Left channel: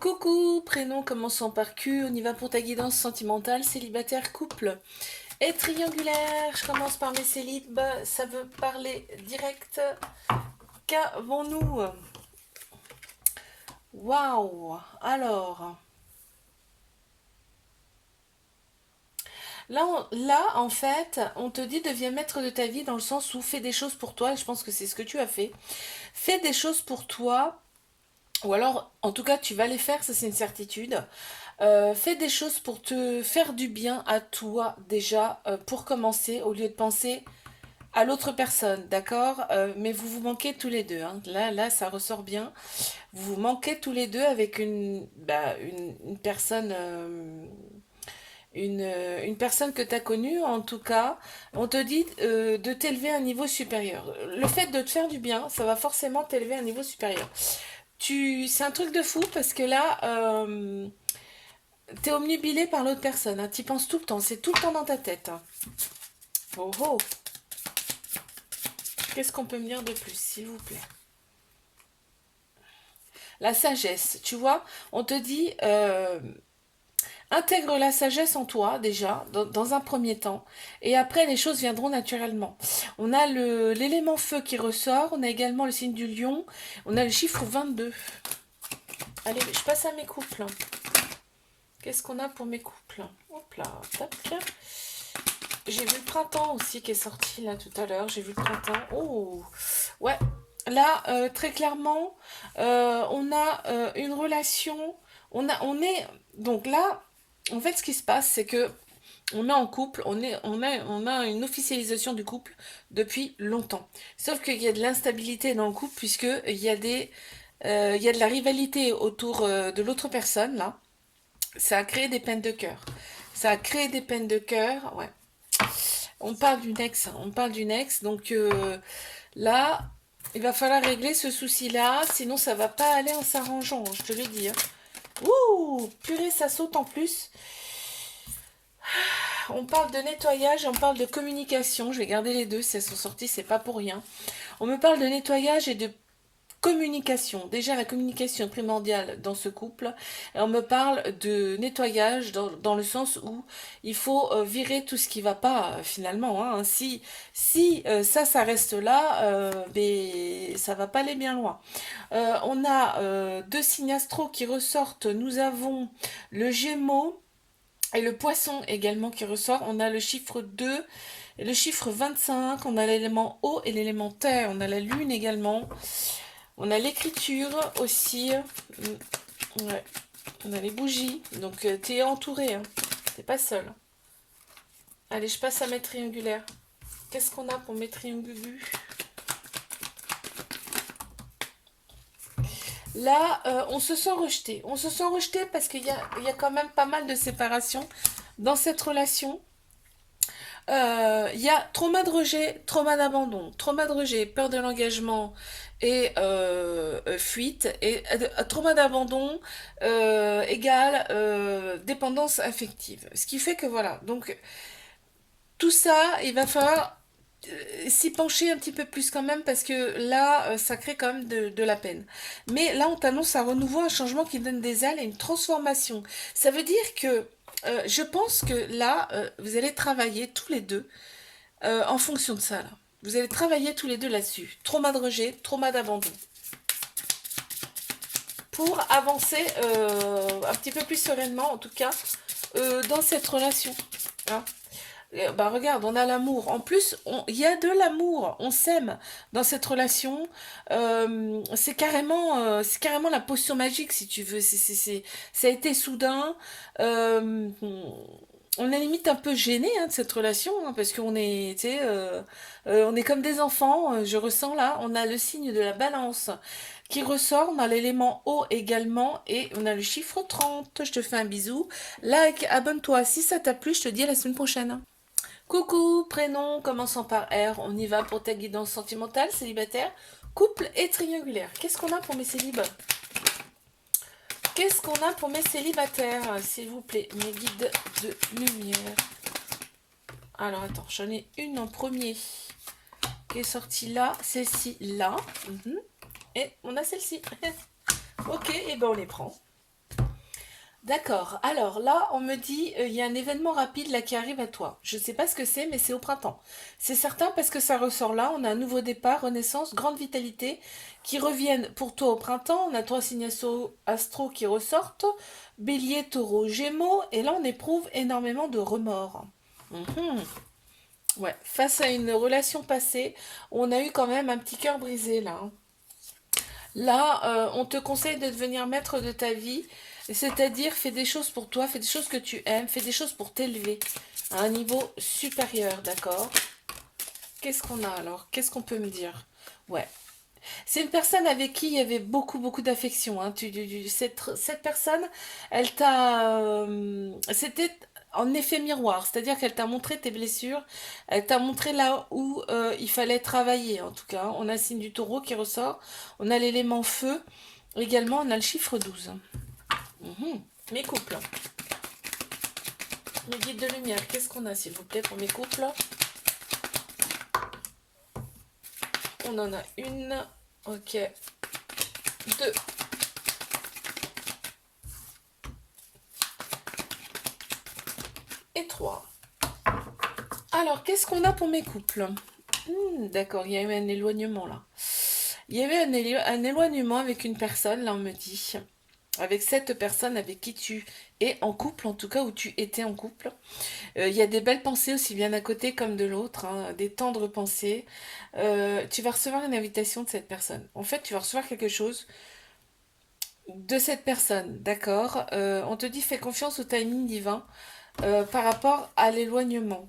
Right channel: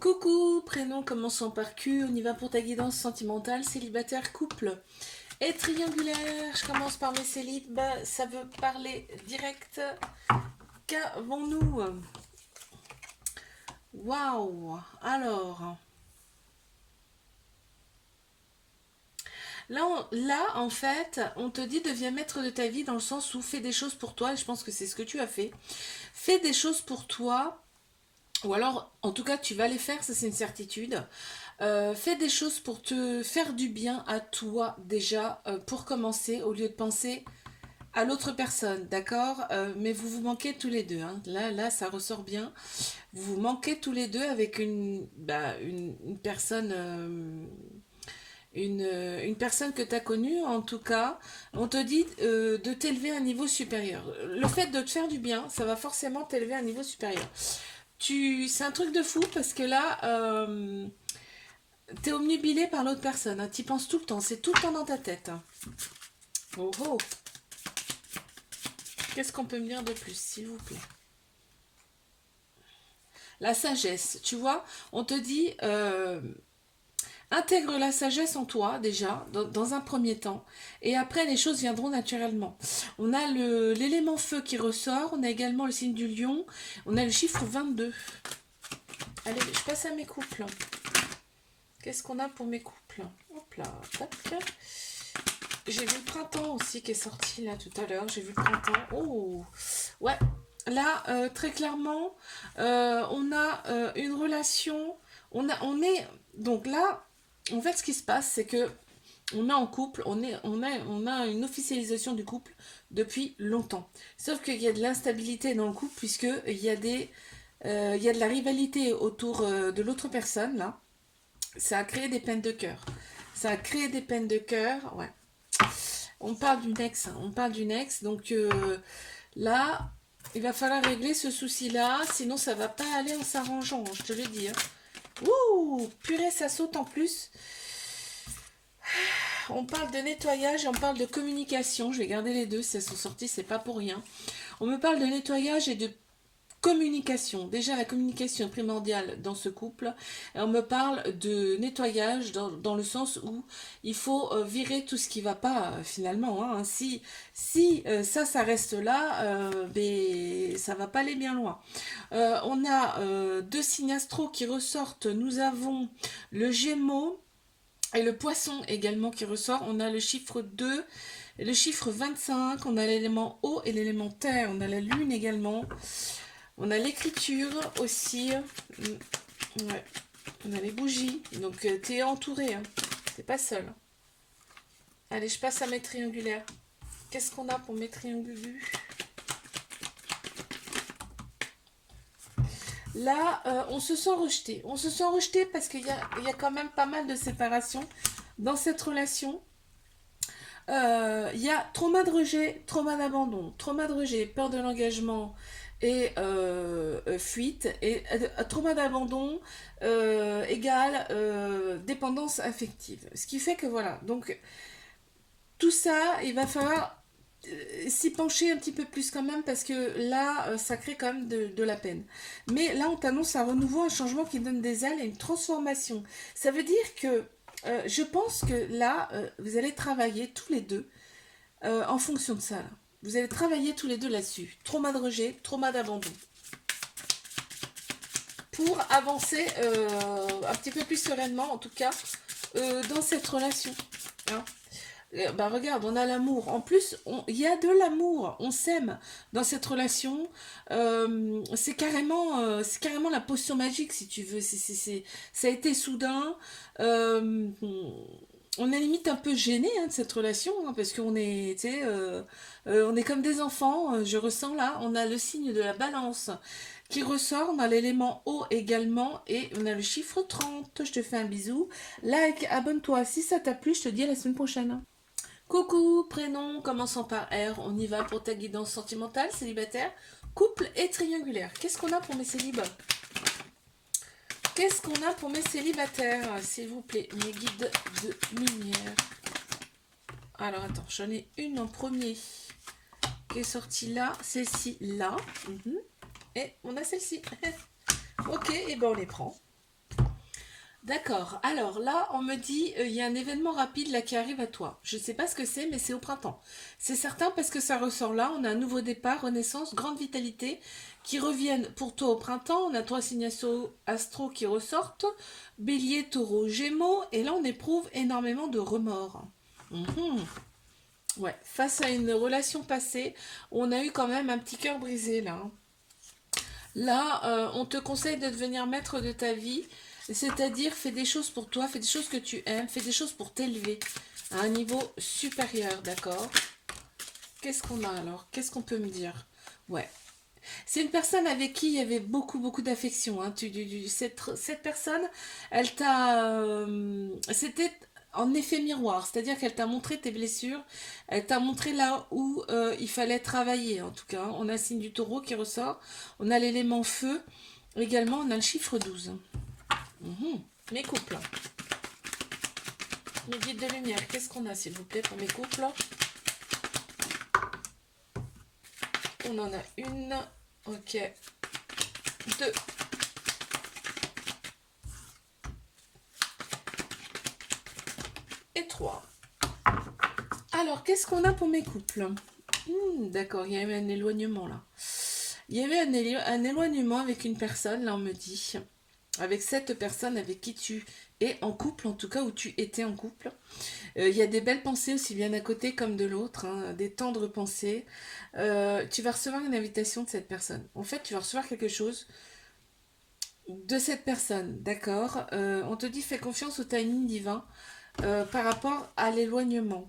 Coucou, prénom commençant par Q, on y va pour ta guidance sentimentale, célibataire, couple et triangulaire. Je commence par mes célibes, ça veut parler direct. Qu'avons-nous? Waouh! Alors, là, en fait, on te dit deviens maître de ta vie dans le sens où fais des choses pour toi, et je pense que c'est ce que tu as fait. Fais des choses pour toi, ou alors, en tout cas, tu vas les faire, ça c'est une certitude. Fais des choses pour te faire du bien à toi déjà, pour commencer, au lieu de penser à l'autre personne, d'accord. Mais vous vous manquez tous les deux, hein. Là, ça ressort bien. Vous vous manquez tous les deux avec une personne, une personne que tu as connue, en tout cas. On te dit de t'élever à un niveau supérieur. Le fait de te faire du bien, ça va forcément t'élever à un niveau supérieur. C'est un truc de fou parce que là, t'es omnubilé par l'autre personne, hein. T'y penses tout le temps, c'est tout le temps dans ta tête, hein. Oh oh, qu'est-ce qu'on peut me dire de plus, s'il vous plaît? La sagesse, tu vois, on te dit intègre la sagesse en toi déjà, dans un premier temps, et après les choses viendront naturellement. On a l'élément feu qui ressort, on a également le signe du lion, on a le chiffre 22. Allez, je passe à mes couples. Qu'est-ce qu'on a pour mes couples? Hop là, tac. J'ai vu le printemps aussi qui est sorti là tout à l'heure. J'ai vu le printemps. Oh, ouais. Là, très clairement, on a une relation. On est. Donc là, en fait, ce qui se passe, c'est que on est en couple. On a une officialisation du couple depuis longtemps. Sauf qu'il y a de l'instabilité dans le couple puisque il y a de la rivalité autour de l'autre personne là. Ça a créé des peines de cœur. Ça a créé des peines de cœur. Ouais. On parle d'une ex, hein. On parle d'une ex, donc là, il va falloir régler ce souci-là, sinon ça va pas aller en s'arrangeant, hein, je te le dis, hein. Ouh, purée, ça saute en plus. On parle de nettoyage et on parle de communication. Je vais garder les deux si elles sont sorties, c'est pas pour rien. On me parle de nettoyage et de communication. Déjà, la communication est primordiale dans ce couple. Et on me parle de nettoyage dans le sens où il faut virer tout ce qui va pas finalement, hein. Si ça reste là, ben, ça va pas aller bien loin. On a deux signes astro qui ressortent. Nous avons le Gémeaux et le Poisson également qui ressort. On a le chiffre 2 et le chiffre 25. On a l'élément eau et l'élément terre. On a la lune également. On a l'écriture aussi. Ouais. On a les bougies. Donc tu es entouré, hein. T'es pas seul. Allez, je passe à mes triangulaires. Qu'est-ce qu'on a pour mes triangulus? Là, on se sent rejeté. On se sent rejeté parce il y a quand même pas mal de séparation dans cette relation. Il y a trauma de rejet, trauma d'abandon, trauma de rejet, peur de l'engagement et fuite, et trauma d'abandon égale dépendance affective. Ce qui fait que voilà, donc tout ça, il va falloir s'y pencher un petit peu plus quand même parce que là, ça crée quand même de la peine. Mais là, on t'annonce un renouveau, un changement qui donne des ailes et une transformation. Ça veut dire que je pense que là, vous allez travailler tous les deux en fonction de ça. Là. Vous allez travailler tous les deux là-dessus. Trauma de rejet, trauma d'abandon. Pour avancer un petit peu plus sereinement, en tout cas, dans cette relation. Hein. Bah regarde, on a l'amour. En plus, il y a de l'amour. On s'aime dans cette relation. C'est carrément la potion magique, si tu veux. Ça a été soudain. Euh, on est limite un peu gêné hein, de cette relation, hein, parce qu'on est, tu sais, on est comme des enfants. Je ressens là, on a le signe de la balance qui ressort dans l'élément eau également, et on a le chiffre 30. Je te fais un bisou. Like, abonne-toi si ça t'a plu. Je te dis à la semaine prochaine. Coucou, prénom commençant par R, on y va pour ta guidance sentimentale, célibataire, couple et triangulaire. Qu'est-ce qu'on a pour mes célibats? Qu'est-ce qu'on a pour mes célibataires, s'il vous plaît, mes guides de lumière? Alors attends, j'en ai une en premier qui est sortie là, celle-ci là, et on a celle-ci. Ok, et ben on les prend. D'accord. Alors là, on me dit, il y a un événement rapide là qui arrive à toi. Je ne sais pas ce que c'est, mais c'est au printemps. C'est certain parce que ça ressort là. On a un nouveau départ, renaissance, grande vitalité qui reviennent pour toi au printemps. On a trois signes astro qui ressortent. Bélier, taureau, gémeaux. Et là, on éprouve énormément de remords. Mhm. Ouais. Face à une relation passée, on a eu quand même un petit cœur brisé là, hein. Là, on te conseille de devenir maître de ta vie, c'est-à-dire fais des choses pour toi, fais des choses que tu aimes, fais des choses pour t'élever à un niveau supérieur, d'accord? Qu'est-ce qu'on a alors? Qu'est-ce qu'on peut me dire? Ouais. C'est une personne avec qui il y avait beaucoup, beaucoup d'affection, hein. Cette personne, elle t'a... c'était en effet miroir, c'est-à-dire qu'elle t'a montré tes blessures, elle t'a montré là où il fallait travailler, en tout cas. On a le signe du taureau qui ressort, on a l'élément feu, également on a le chiffre 12. Mhm. Mes couples, mes guides de lumière, qu'est-ce qu'on a s'il vous plaît pour mes couples? On en a une, ok, deux et trois. Alors, qu'est-ce qu'on a pour mes couples? D'accord, il y a eu un éloignement là. Il y avait un éloignement avec une personne, là on me dit. Avec cette personne avec qui tu es en couple, en tout cas où tu étais en couple. Il y a des belles pensées aussi bien d'un côté comme de l'autre, hein, des tendres pensées. Tu vas recevoir une invitation de cette personne. En fait, tu vas recevoir quelque chose de cette personne, d'accord. On te dit fais confiance au timing divin par rapport à l'éloignement.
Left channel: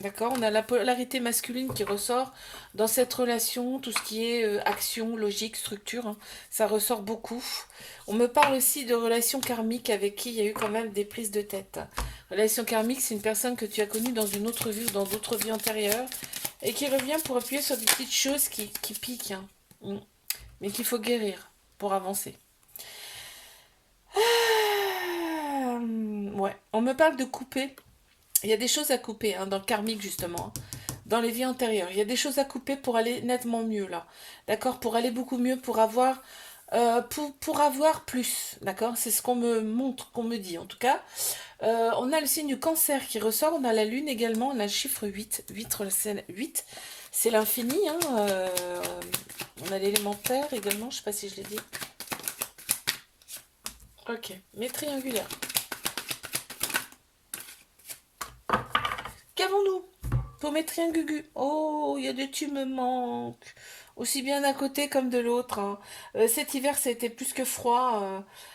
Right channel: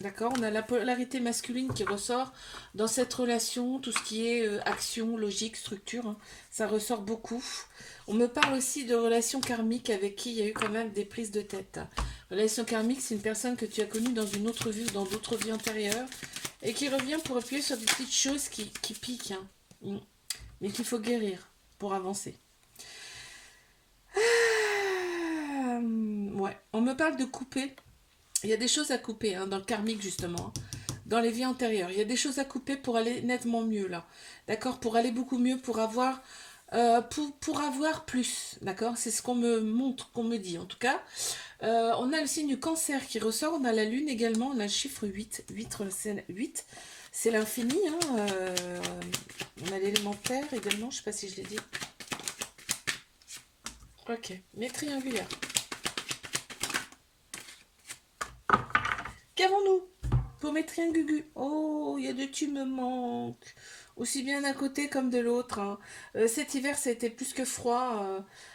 D'accord, on a la polarité masculine qui ressort dans cette relation, tout ce qui est action, logique, structure, hein, ça ressort beaucoup. On me parle aussi de relations karmiques avec qui il y a eu quand même des prises de tête. Relation karmique, c'est une personne que tu as connue dans une autre vie ou dans d'autres vies antérieures et qui revient pour appuyer sur des petites choses qui piquent, hein. Mais qu'il faut guérir pour avancer. Ouais, on me parle de couper. Il y a des choses à couper, hein, dans le karmique justement, hein, dans les vies antérieures. Il y a des choses à couper pour aller nettement mieux là. D'accord. Pour aller beaucoup mieux, pour avoir plus. D'accord. C'est ce qu'on me montre, qu'on me dit en tout cas. On a le signe du cancer qui ressort. On a la lune également. On a le chiffre 8. 8, c'est l'infini, hein. On a l'élémentaire également. Je ne sais pas si je l'ai dit. Ok. Mais triangulaire. Qu'avons-nous pour mes triangugus? Oh, il y a des tu me manques. Aussi bien d'un côté comme de l'autre, hein. Cet hiver, c'était plus que froid.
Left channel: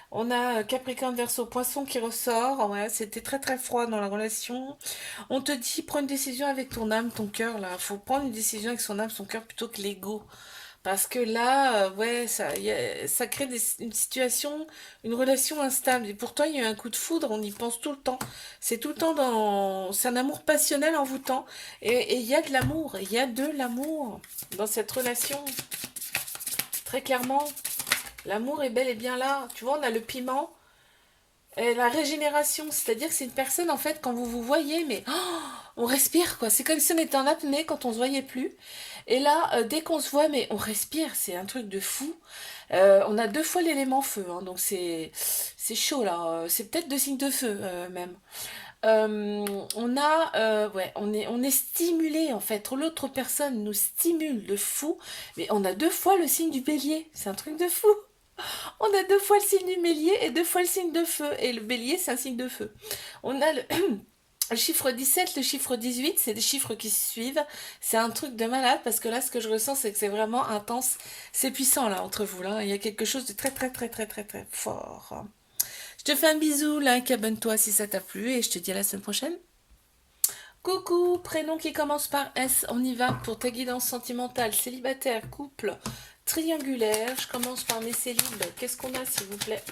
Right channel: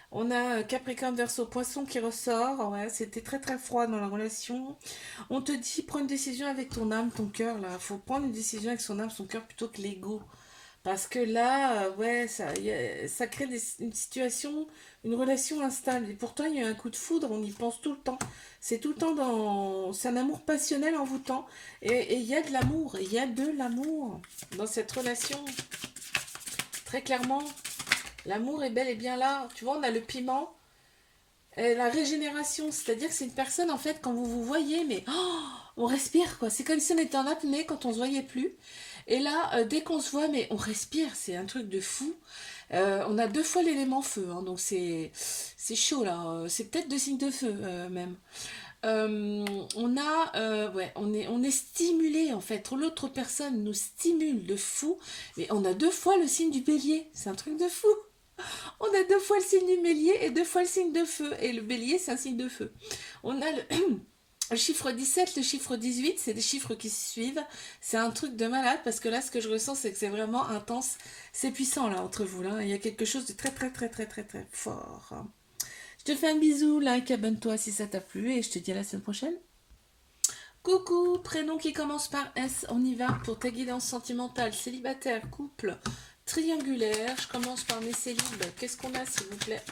On a Capricorne Verseau Poisson qui ressort. Ouais, c'était très très froid dans la relation. On te dit, prends une décision avec ton âme, ton cœur. Là, faut prendre une décision avec son âme, son cœur plutôt que l'ego. Parce que là, ouais, ça crée une situation, une relation instable. Et pourtant, il y a eu un coup de foudre, on y pense tout le temps. C'est tout le temps dans... C'est un amour passionnel envoûtant. Et il y a de l'amour, il y a de l'amour dans cette relation. Très clairement, l'amour est bel et bien là. Tu vois, on a le piment, et la régénération. C'est-à-dire que c'est une personne, en fait, quand vous vous voyez, mais on respire, quoi. C'est comme si on était en apnée quand on se voyait plus. Et là, dès qu'on se voit, mais on respire, c'est un truc de fou. On a deux fois l'élément feu, hein, donc c'est chaud là. C'est peut-être deux signes de feu même. Ouais, on est stimulé en fait. L'autre personne nous stimule de fou, mais on a deux fois le signe du bélier. C'est un truc de fou. On a deux fois le signe du bélier et deux fois le signe de feu. Et le bélier, c'est un signe de feu. On a le chiffre 17, le chiffre 18, c'est des chiffres qui se suivent. C'est un truc de malade parce que là, ce que je ressens, c'est que c'est vraiment intense. C'est puissant là entre vous. Là. Il y a quelque chose de très, très, très, très, très, très fort. Je te fais un bisou, like, abonne-toi si ça t'a plu et je te dis à la semaine prochaine. Coucou, prénom qui commence par S, on y va pour ta guidance sentimentale, célibataire, couple, triangulaire. Je commence par mes célibes. Qu'est-ce qu'on a s'il vous plaît?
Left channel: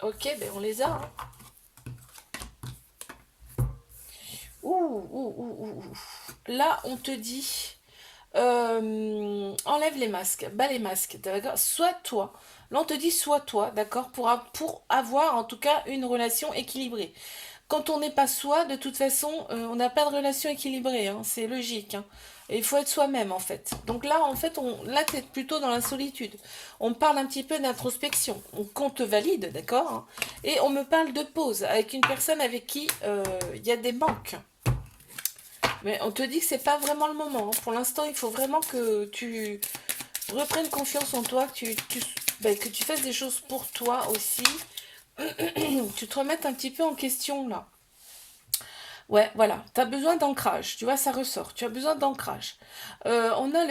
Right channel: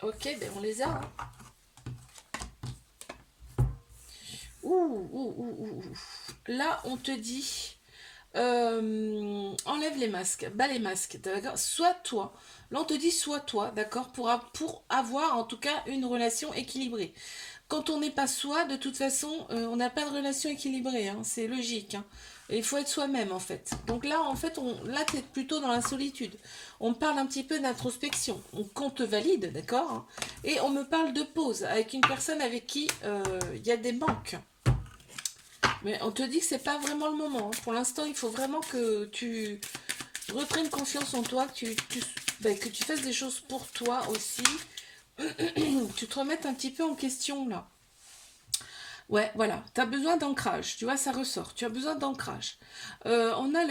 Ok, ben on les a, hein. Ouh. Là, on te dit, enlève les masques, bas les masques, d'accord? Sois toi. Là, on te dit, sois toi, d'accord? Pour avoir en tout cas une relation équilibrée. Quand on n'est pas soi, de toute façon, on n'a pas de relation équilibrée, hein, c'est logique, hein. Et il faut être soi-même, en fait. Donc là, en fait, là, tu es plutôt dans la solitude. On me parle un petit peu d'introspection. Qu'on te valide, d'accord, hein. Et on me parle de pause avec une personne avec qui il y a des manques. Mais on te dit que c'est pas vraiment le moment, hein. Pour l'instant, il faut vraiment que tu reprennes confiance en toi, que tu fasses des choses pour toi aussi. Tu te remettes un petit peu en question, là. Ouais, voilà, tu as besoin d'ancrage, tu vois, ça ressort, tu as besoin d'ancrage. On a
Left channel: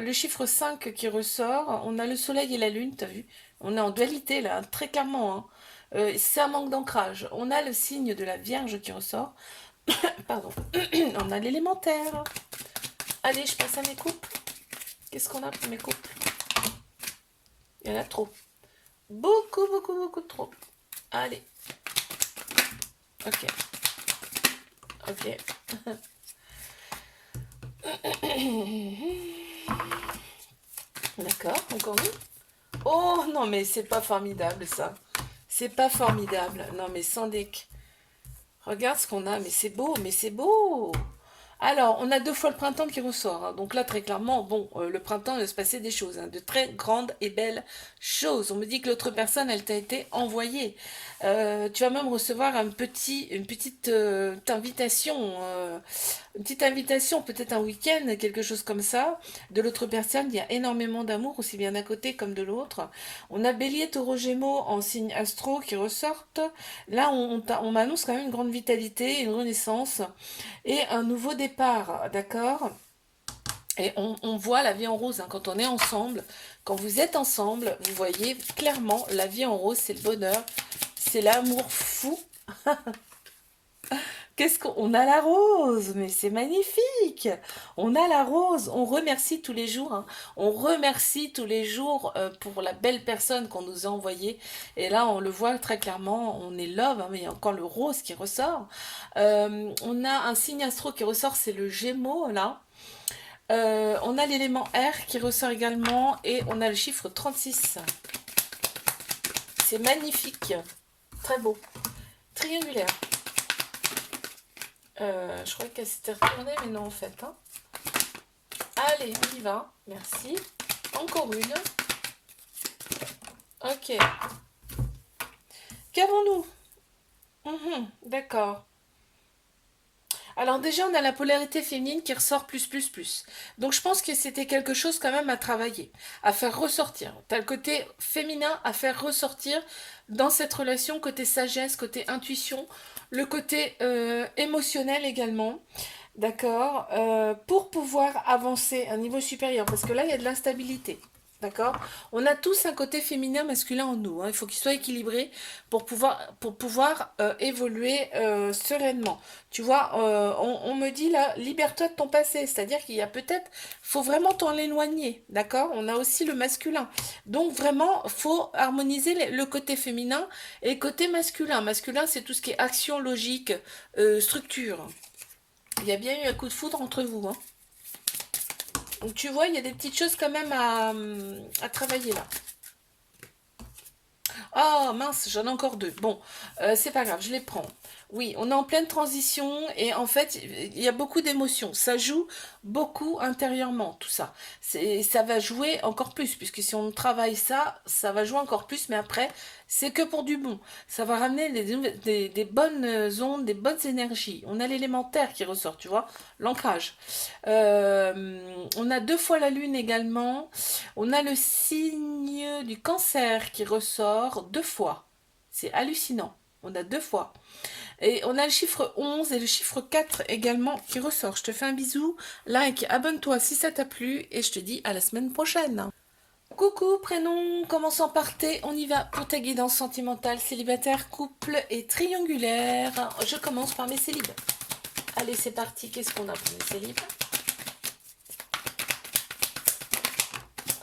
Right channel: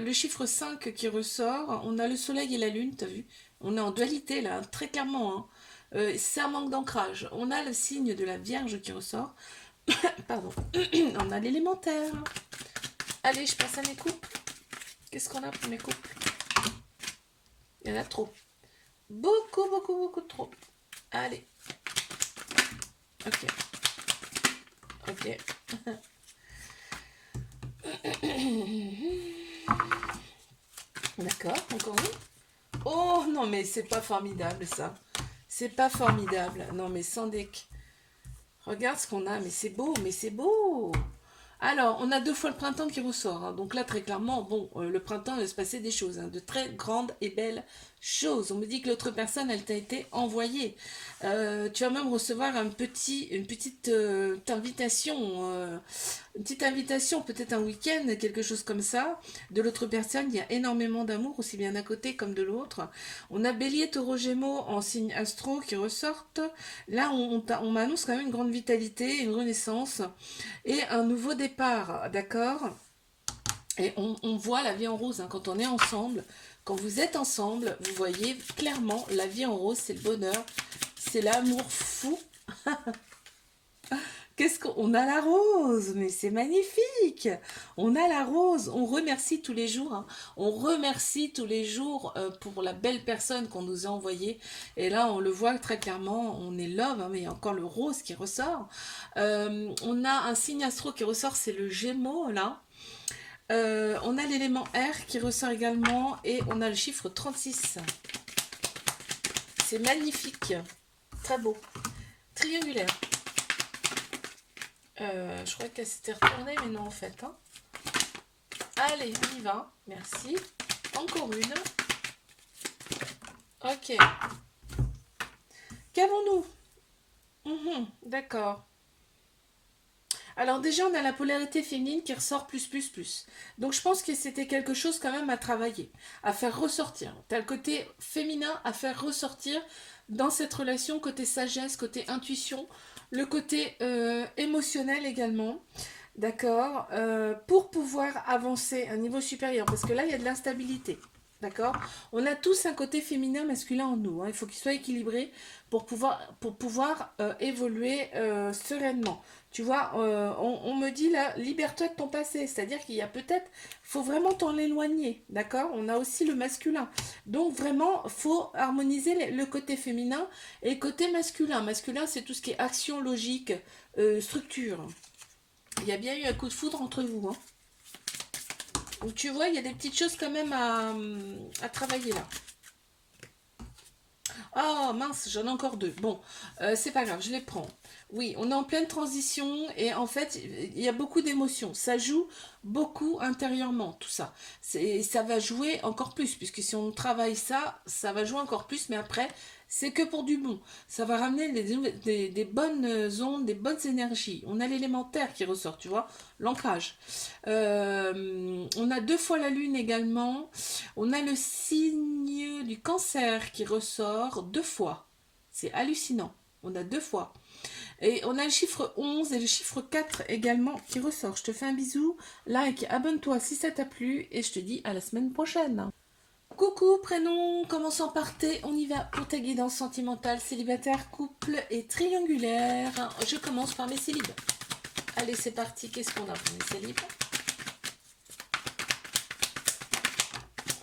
le chiffre 5 qui ressort, on a le soleil et la lune, t'as vu? On est en dualité là, très clairement, hein. C'est un manque d'ancrage. On a le signe de la Vierge qui ressort, pardon, on a l'élémentaire. Allez, je passe à mes coupes. Qu'est-ce qu'on a pour mes coupes? Il y en a trop. Beaucoup, beaucoup, beaucoup de trop. Allez, ok, ok. D'accord, encore une. Oh non, mais c'est pas formidable ça. C'est pas formidable. Non, mais sans déc. Regarde ce qu'on a, mais c'est beau, mais c'est beau. Alors, on a deux fois le printemps qui ressort, hein. Donc là, très clairement, bon, le printemps, il va se passer des choses, hein, de très grandes et belles choses. On me dit que l'autre personne, elle t'a été envoyée. Tu vas même recevoir une petite invitation, peut-être un week-end, quelque chose comme ça. De l'autre personne, il y a énormément d'amour, aussi bien d'un côté comme de l'autre. On a Bélier, Taureau, Gémeaux en signe astro qui ressortent. Là, on m'annonce quand même une grande vitalité, une renaissance et un nouveau départ, d'accord? Et on voit la vie en rose, hein, quand on est ensemble. Quand vous êtes ensemble, vous voyez clairement la vie en rose, c'est le bonheur, c'est l'amour fou. Qu'est-ce qu'on a la rose, mais c'est magnifique. On a la rose, on remercie tous les jours, hein. On remercie tous les jours pour la belle personne qu'on nous a envoyée. Et là, on le voit très clairement, on est love, hein, mais il y a encore le rose qui ressort. On a un signe astro qui ressort, c'est le Gémeaux là. On a l'élément R qui ressort également et on a le chiffre 36. C'est magnifique, très beau, triangulaire. Je crois qu'elle s'était retournée, mais non en fait, hein. Allez, on y va. Merci. Encore une. Ok. Qu'avons-nous? D'accord. Alors déjà, on a la polarité féminine qui ressort plus, plus, plus. Donc je pense que c'était quelque chose quand même à travailler, à faire ressortir. T'as le côté féminin à faire ressortir dans cette relation, côté sagesse, côté intuition, le côté émotionnel également. D'accord, pour pouvoir avancer à un niveau supérieur, parce que là, il y a de l'instabilité. D'accord. On a tous un côté féminin, masculin en nous, hein. Il faut qu'il soit équilibré pour pouvoir évoluer sereinement. Tu vois, on me dit là, libère-toi de ton passé. C'est-à-dire qu'il y a peut-être, faut vraiment t'en éloigner. D'accord. On a aussi le masculin. Donc vraiment, faut harmoniser le côté féminin et le côté masculin. Masculin, c'est tout ce qui est action, logique, structure. Il y a bien eu un coup de foudre entre vous, hein. Donc tu vois, il y a des petites choses quand même à travailler là. Ah mince, j'en ai encore deux. Bon, c'est pas grave, je les prends. Oui, on est en pleine transition et en fait, il y a beaucoup d'émotions. Ça joue beaucoup intérieurement, tout ça. Ça va jouer encore plus, puisque si on travaille ça, ça va jouer encore plus, mais après, c'est que pour du bon. Ça va ramener des bonnes ondes, des bonnes énergies. On a l'élémentaire qui ressort, tu vois, l'ancrage. On a deux fois la lune également. On a le signe du cancer qui ressort deux fois. C'est hallucinant. On a deux fois. Et on a le chiffre 11 et le chiffre 4 également qui ressort. Je te fais un bisou, like, abonne-toi si ça t'a plu et je te dis à la semaine prochaine. Coucou, prénom, commençons par T, on y va pour ta guidance sentimentale, célibataire, couple et triangulaire. Je commence par mes célibes. Allez, c'est parti, qu'est-ce qu'on a pour mes célibes?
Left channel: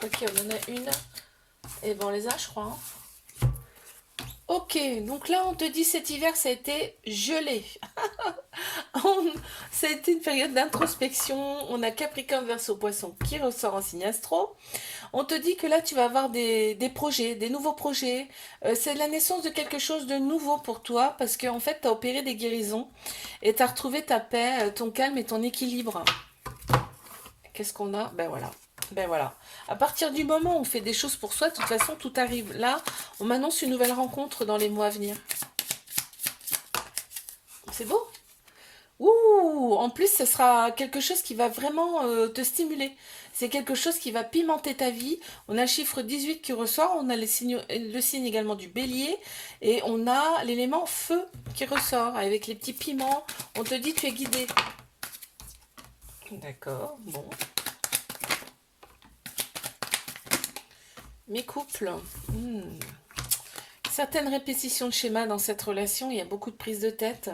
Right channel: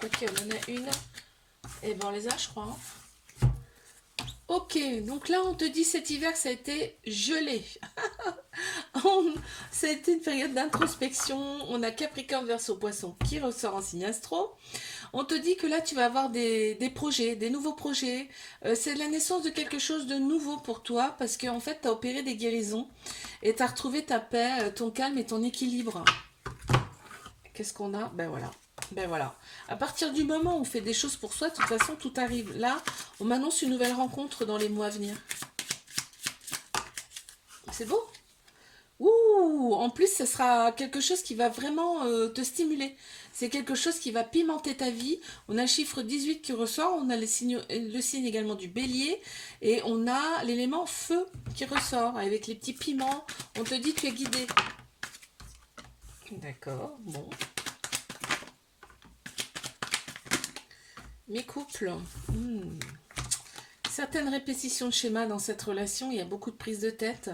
Ok, on en a une. Et ben on les a, je crois, hein. Ok, donc là on te dit cet hiver ça a été gelé. Ça a été une période d'introspection. On a Capricorne, Verseau, Poisson qui ressort en signe astro. On te dit que là tu vas avoir des projets, des nouveaux projets. C'est la naissance de quelque chose de nouveau pour toi parce qu'en fait tu as opéré des guérisons et tu as retrouvé ta paix, ton calme et ton équilibre. qu'est-ce qu'on a? Ben voilà. Ben voilà. À partir du moment où on fait des choses pour soi, de toute façon, tout arrive. Là, on m'annonce une nouvelle rencontre dans les mois à venir. C'est beau? Ouh, en plus, ce sera quelque chose qui va vraiment te stimuler. C'est quelque chose qui va pimenter ta vie. On a le chiffre 18 qui ressort, on a le signe également du bélier, et on a l'élément feu qui ressort avec les petits piments. On te dit tu es guidé. D'accord, bon. Mes couples. Certaines répétitions de schémas dans cette relation, il y a beaucoup de prises de tête.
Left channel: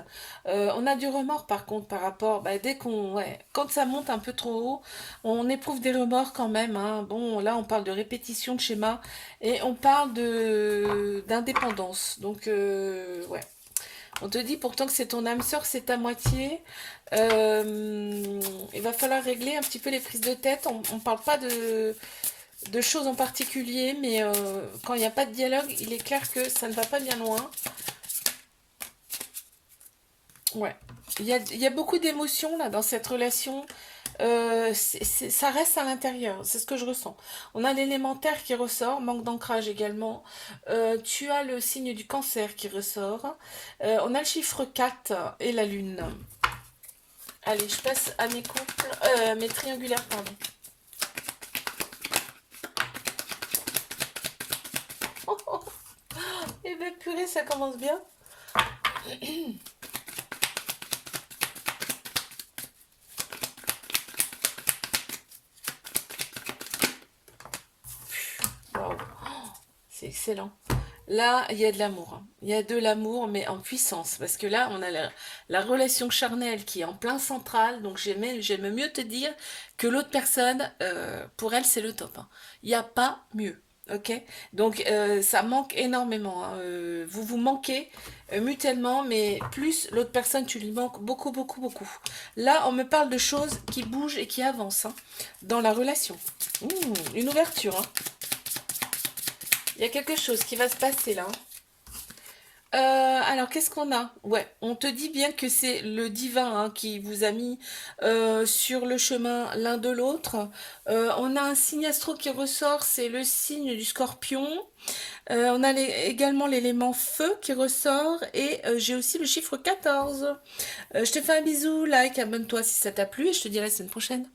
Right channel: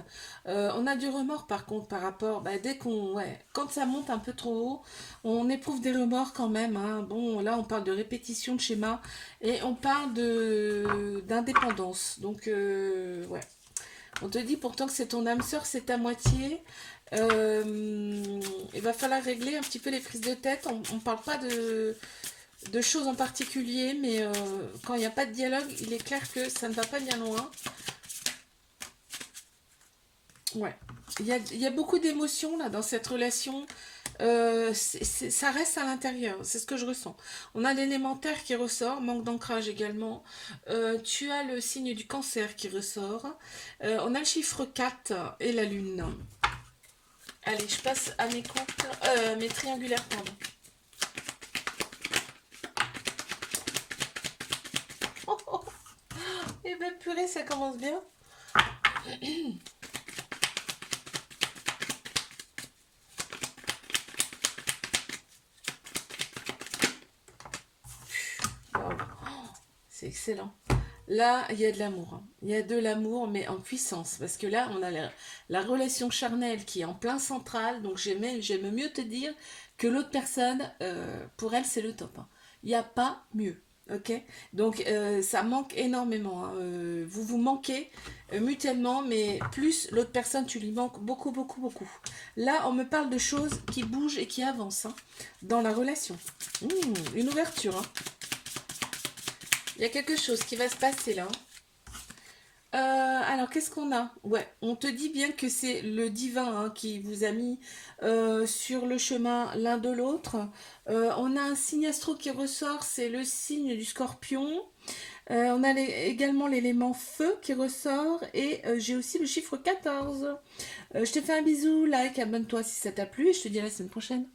On a du remords par contre par rapport, dès qu'on, ouais, quand ça monte un peu trop haut, on éprouve des remords quand même, hein. Bon, là on parle de répétition de schémas et on parle de d'indépendance. Donc ouais, on te dit pourtant que c'est ton âme sœur, c'est ta moitié. Il va falloir régler un petit peu les prises de tête. On parle pas de choses en particulier, mais quand il n'y a pas de dialogue, il est clair que ça ne va pas bien loin. Ouais. Il y a beaucoup d'émotions là dans cette relation. Ça reste à l'intérieur, c'est ce que je ressens. On a l'élémentaire qui ressort, manque d'ancrage également. Tu as le signe du cancer qui ressort. On a le chiffre 4 et la lune. Allez, je passe à mes couples, mes triangulaires, pardon. Eh ben purée, ça commence bien. Waouh, c'est excellent. Là, il y a de l'amour, hein. Il y a de l'amour, mais en puissance. Parce que là, on a la relation charnelle qui est en plein central. Donc, j'aime mieux te dire que l'autre personne, pour elle, c'est le top, hein. Il n'y a pas mieux. Ok? Donc, ça manque énormément, hein. Vous vous manquez mutuellement, mais plus l'autre personne, tu lui manques beaucoup, beaucoup, beaucoup. Là, on me parle de choses qui bougent et qui avancent, hein, dans la relation. Une ouverture, hein. Il y a quelque chose qui va se passer là. Alors, qu'est-ce qu'on a? Ouais, on te dit bien que c'est le divin, hein, qui vous a mis sur le chemin l'un de l'autre. On a un signe astro qui ressort, c'est le signe du scorpion. On a également l'élément feu qui ressort et j'ai aussi le chiffre 14. Je te fais un bisou, like, abonne-toi si ça t'a plu et je te dis à la semaine prochaine.